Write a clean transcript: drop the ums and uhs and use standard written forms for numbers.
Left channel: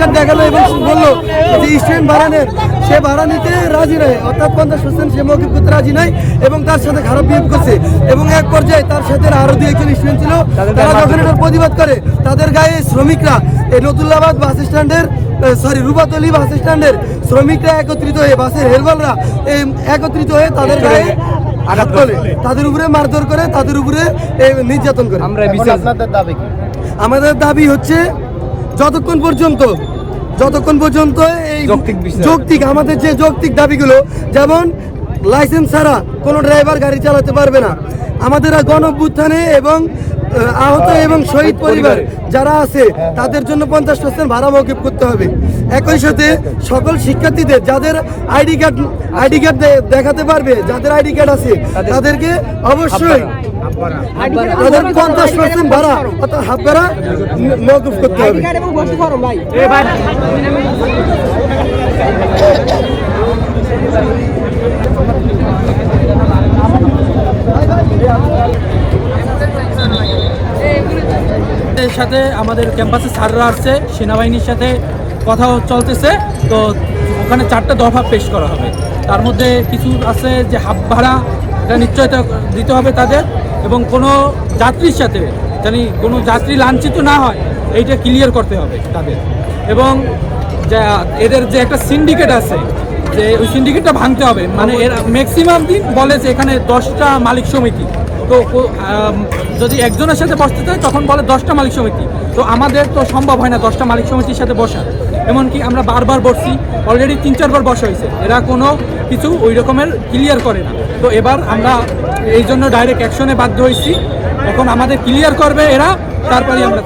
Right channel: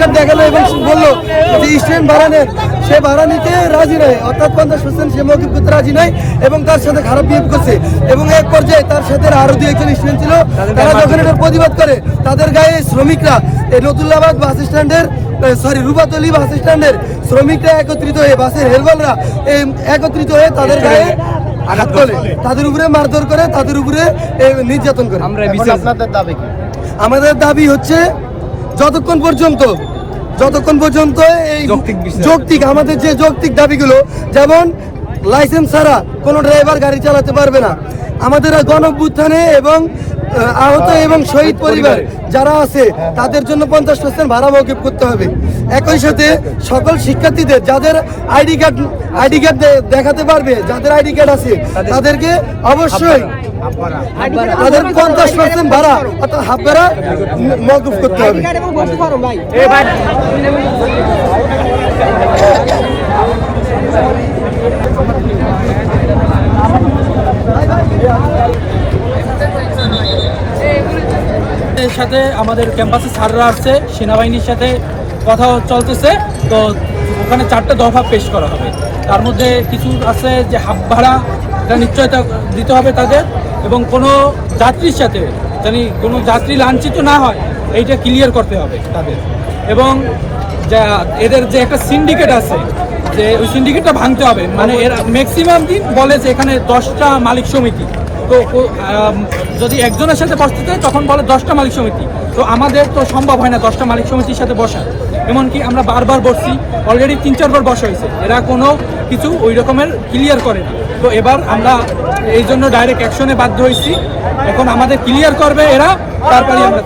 Card দেখালো এবং বললো যে স্টুডেন্ট ভাড়া নেন, সে ভাড়া নিতে রাজি নয়, অর্থাৎ 50% সে মৌকুফ করতে রাজি নয় এবং তার সাথে খারাপ বিহেভ করছে। এবং এক পর্যায়ে তার সাথে আরো 2-1 স্টুডেন্ট ছিল, তারা যখন এটার প্রতিবাদ করে তাদের গায়ে শ্রমিকরা এই নতুল্লাবাদ বাস স্ট্যান্ডের রূপাতলী বাস স্ট্যান্ডের শ্রমিকরা একত্রিত হয়ে, বাসের হেলপাররা একত্রিত হয়ে তাদের গায়ে আঘাত করে, তাদের উপরে মারধর করে, তাদের উপরে নির্যাতন করে। আমাদের দাবি হচ্ছে যতক্ষণ পর্যন্ত এই যৌক্তিক আমাদের যে যৌক্তিক দাবিগুলো, যেমন লাইসেন্স ছাড়া কোনো ড্রাইভার গাড়ি চালাতে পারবে না, আমাদের গণঅভ্যুত্থানে এবং আহত এবং শহীদ পরিবার যারা আছে তাদের জন্য 50% ভাড়া মওকুফ করতে হবে। একই সাথে সকল শিক্ষার্থীদের যাদের আইডি কার্ড দেখাতে পারবে, যাদের আইডি কার্ড আছে তাদেরকে অবশ্যই তাদের 50% ভাড়া অর্থাৎ হাফ ভাড়া মওকুফ করতে হবে। সাথে আমাদের ক্যাম্পাসে স্যাররা আসছে, সেনাবাহিনীর সাথে কথা চলতেছে, তো ওখানে 4টে দফা পেশ করা হবে। তার মধ্যে কিছু আছে যে হাফ ভাড়া এটা নিশ্চয়তা দিতে হবে তাদের, এবং কোনো যাত্রীর সাথে জানি কোনো যাত্রী লাঞ্ছিত না হয় এইটা ক্লিয়ার করতে হবে তাদের। এবং যা এদের যে একটা সিন্ডিকেট আছে, যে ওই সিন্ডিকেটটা ভাঙতে হবে। মানে এরা ম্যাক্সিমাম দিন বলে যে এখানে 10টা মালিক সমিতি, তো যদি একজনের সাথে বসতে চায় তখন বলে 10টা মালিক সমিতি। তো আমাদের তো সম্ভব হয় না 10টা মালিক সমিতির সাথে বসা, এমনকি আমরা বারবার বসছি, অলরেডি 3-4 বার বসা হয়েছে, এরা কোনো কিছু ওই রকমের ক্লিয়ার করে না। তো এবার আমরা এই জন্য ডাইরেক্ট অ্যাকশনে বাধ্য হয়েছি, এখন আমাদের ক্লিয়ার করবে এরা, তারপরে আমরা